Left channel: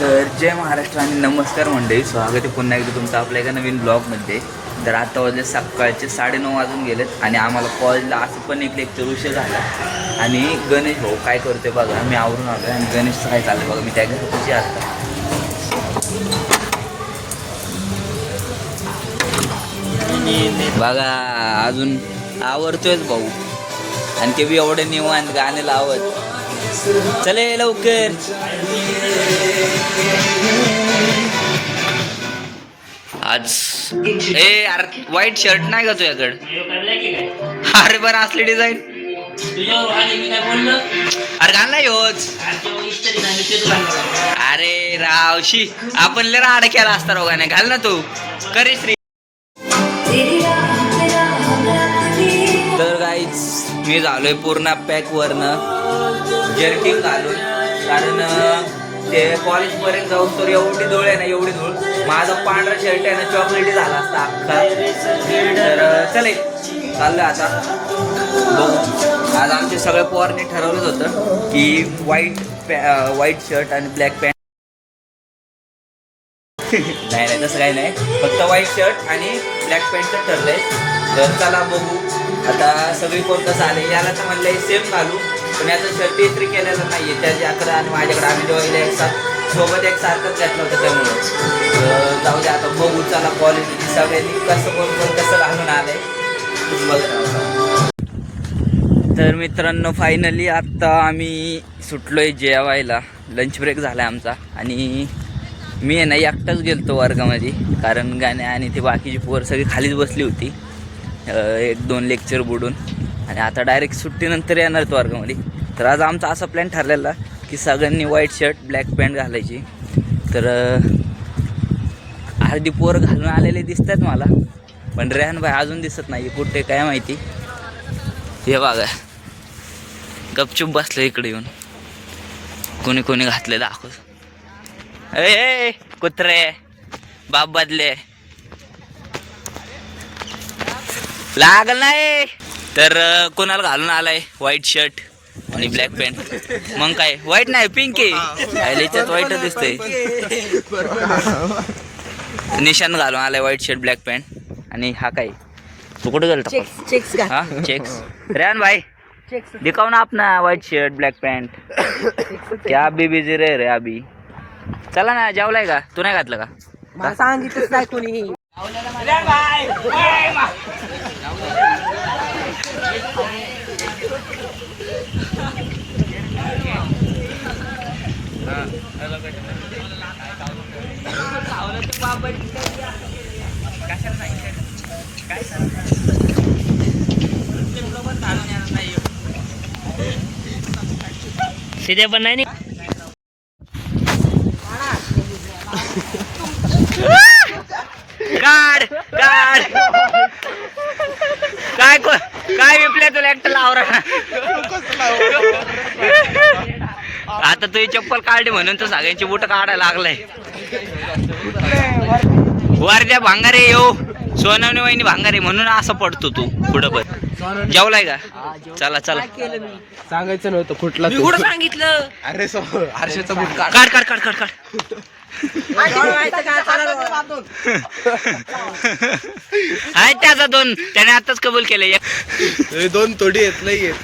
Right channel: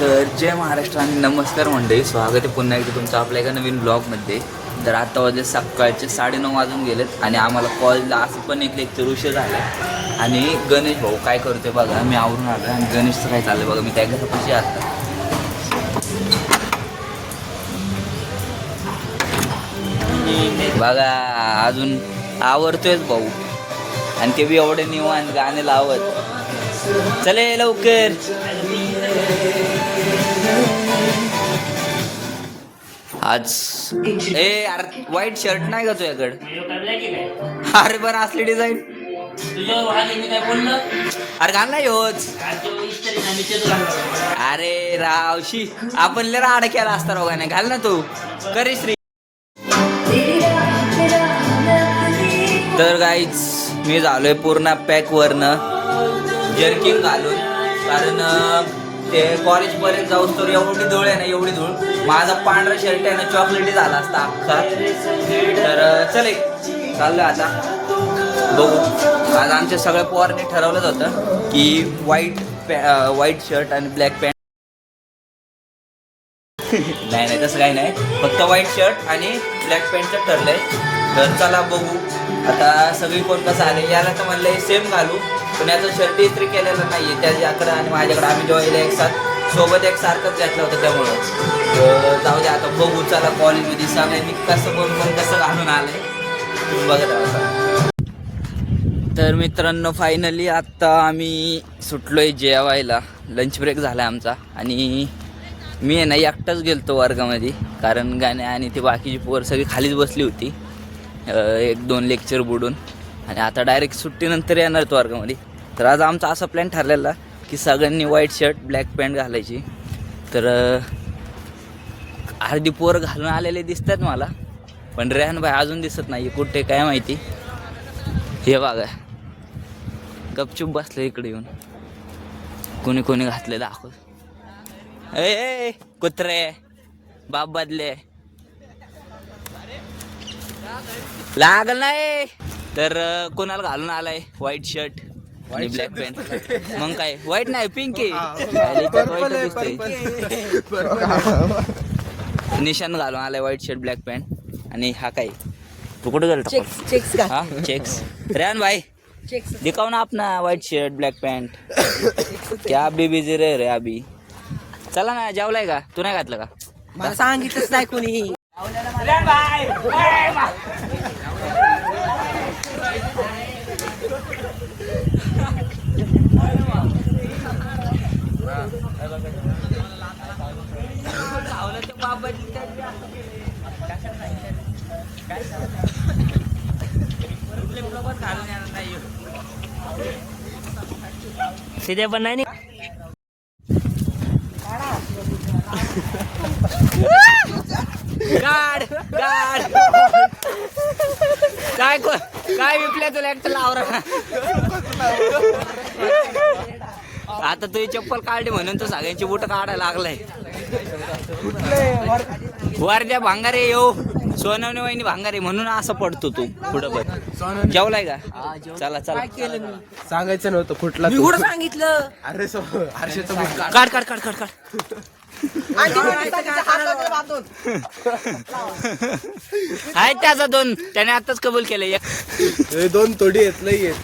तर जय महाराष्ट्र आणि नमस्कार मंडळी, स्वागत आहे पुन्हा एकदा तुमचं आपल्या एका नवीन ब्लॉगमध्ये. तर आता वाजले सकाळचे 9:30 वाजून गेलेत आणि आम्हाला कॉलेजला असं पण एक लेक्चर उशीर झाला. आणि गणेश भाऊ काय करतोय बघा, मी आवरून आलो आणि गणेशचं काय चाललंय बघा. मी त्या घरापाशी आता बघा अजून आवरतोयच भाऊ आणि ते बी एवढे निवांत गाणे लावत. चले लवकर. आज अरे व्हाईट शर्ट नाही का तुझ्याकडे? अरे बरं असली डिझाईन अरे घाल नाही होच. अरे रावशी आपण लय राडा केला असता रोगाने. घाल ना तू करी श्री. तर गाईच मी झालोय पूर्ण पॅक वरनं जर्किंग घालून, कारण ते कॉलेजपर्यंत जाऊन तर एवढी धूळ आहे ना, एवढी धूळ. माझा पांढरा शर्ट आहे ना चॉकलेटी झाला असता अख्खा. तर चले चाललं आता बघू. आज आमच्या सगळ्या पोरांनी ठरवलंच होतं की व्हाईट शर्ट आणि ब्लॅक पॅन्ट. नाही तसं काही नाही, फक्त व्हाईट शर्ट आणि ब्लॅक पॅन्टचं ठरलंय. तर चला बघू आता सगळी कोण कसं आले. याला तर म्हणलं सेम घालू, पण याचा शर्ट इस्त्री केलेला नाही आहे. त्याच्याकडे आणि माझ्याकडे आम्ही दोघे सोबत एक सारखंच घातलं होतं, त्यामुळं जाऊ दे आता बघू. चला कॉलेजमध्ये सगळ्यांनी कसं कोण कसं घालून आलंय तुम्ही बघत राहा. तर मित्रांनो फायनली आत्ता आम्ही सुटलोय जेवायला. लंच ब्रेक झाला आहे आमचा आणि मी आहे ना एकटाच गेलतो वर्गामध्ये, कारण गाणे आणि ते बाकीची पोर सगळी खालीच बसली होती 1-2 लेक्चर बुडून. आणि आता डायरेक्ट सुट्टीनंतर येणार तो वर्गामध्ये. तर आज आमचा असा प्लॅन ठरलेला की सगळ्यांनी व्हाईट शर्ट ब्लॅक पॅन्ट घालायची. तर आधी पोर घालून आलेले दिसतात मला, पण रेहान भाई अजून दिसत नाही कुठे काय माहिती. हे बघा गपचूप बसलं इकडे येऊन. कोणी कोणी घातले दाखव. ए कुत्रे बाप बदले लागल नाही. तर कोणाला घालून आलाय व्हाईट शर्ट आणि ब्लॅक पॅन्ट. मग काय व्हाईट नाही पिंक आहे, व्हाईटच दिसतंय. निशान घालून आलाय व्हाईट शर्ट ब्लॅक पॅन्ट. आणि हा काय तू कुठे गेला? हा चेक्स. रेहान भाई दिखाओ ना अपना व्हाईट शर्ट ब्लॅक पॅन्ट. क्या अभी बिझी रे अभी. चला ना जेवलाय का? तू नाही घातलं का? मला सांगितलंच नाही कोणी. सीधे पण नाही काढ काय विपल्या तुला एकटं लावरा. आता तुझी चप्पल काढली म्हणून तर सगळ्यांची बुट काढायला लागलाय. वरच्या भांगारे येऊ सोनवणे वहिनी भांगारे म्हणून असं पडतो तू पुढं. पण जेवलाय का? चला सांगायचं नव्हतं कुठला सांगितलं. अरे हर्षेचा बूट काढ. आहे त्याचा 2 त्याने आताच कबूल केले. 2 तोडी येत नाही येत.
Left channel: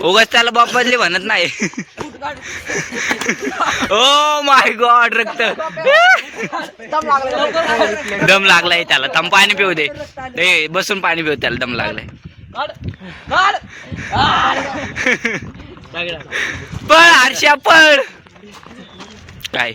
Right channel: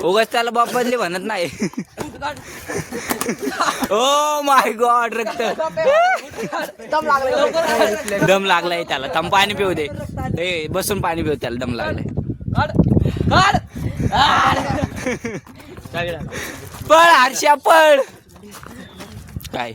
उगाच त्याला बाप बदली म्हणत नाही. ओ माय गॉड रक्त दम लागलाय त्याला. तम पाणी पिऊ दे. बसून पाणी पिऊ, त्याला दम लागलाय. पळ हर्षा पळ. काय